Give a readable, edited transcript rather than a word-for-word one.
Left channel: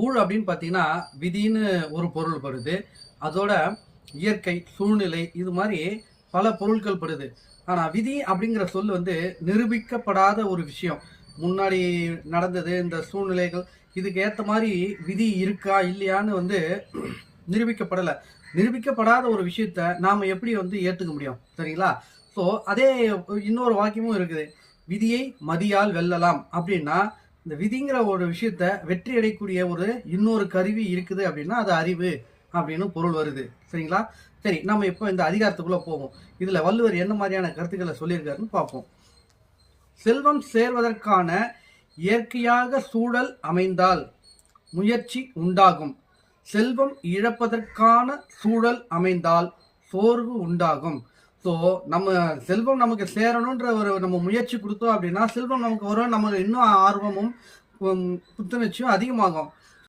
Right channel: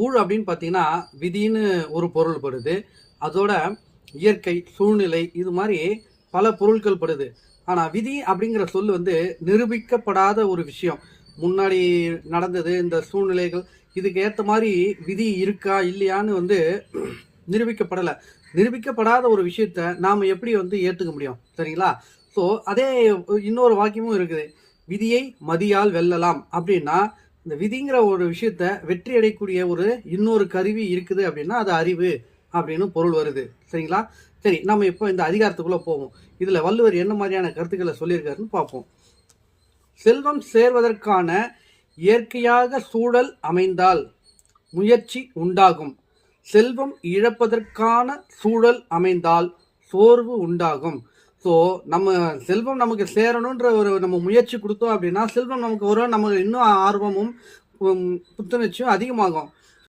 ஊழ் அப்படின்னு பார்த்தீங்கன்னா, விதின்னு ஒரு பொருள் படுது. அதோட இயற்கை, சூழ்நிலை இது மாரி பல பொருட்கள் படுது. ஆனா, விதி அப்படிங்கிற சொல் வந்து நிரூபிக்கப்படாத ஒரு விஷயம். முன்னாடி நடந்தது இந்த சூழ்நிலைகள், இதுக்கு ஏத்த மாரி விதி இருக்கா? இல்லையான்னு வந்து நிரூபிக்கப்படல. நிரூபிக்கப்படாத ஒரு விஷயத்த நாம எப்படி வந்து ஏத்துக்க முடியும்? சரிங்களா? ஸோ, அதே இன்னொரு வாக்கியமும் இருக்குது. "விதியை மதியால் வெல்லலாம்" அப்படின்னா, இந்த விதிங்கிற ஒரு விஷயத்த வெற்றி அடையக்கூடிய ஒரு இன்னொரு கருவி இருக்குது அப்படின்னா, அது அறிவு அப்படின்னு பொருள் வருது. சரிங்களா? சரி, நம்ம இப்போ இந்த அதிகாரத்துக்குள்ள போவோம். இதுல வள்ளுவர் என்ன மாரியான கருத்துக்கள சொல்லியிருக்காருன்னு பார்ப்போம். "செல்வம் சேர்வதற்கான இயற்கையாக சூழல் அமைந்தால் முயற்சி உண்டாகும். செல்வம் இழப்பதற்கான சூழல் அமைந்தால் சோர்வு உண்டாகும்." ஸோ, நம்ம செல்வம் நமக்கு சேரணுன்ற ஒரு நம்ம முயற்சி குடுத்தோம் அப்படின்னா, செல்வம் நமக்கு வரும். நமக்கு இன்னும் ஆர்வமும், புத்துணர்ச்சியும் அதிகமாகும்.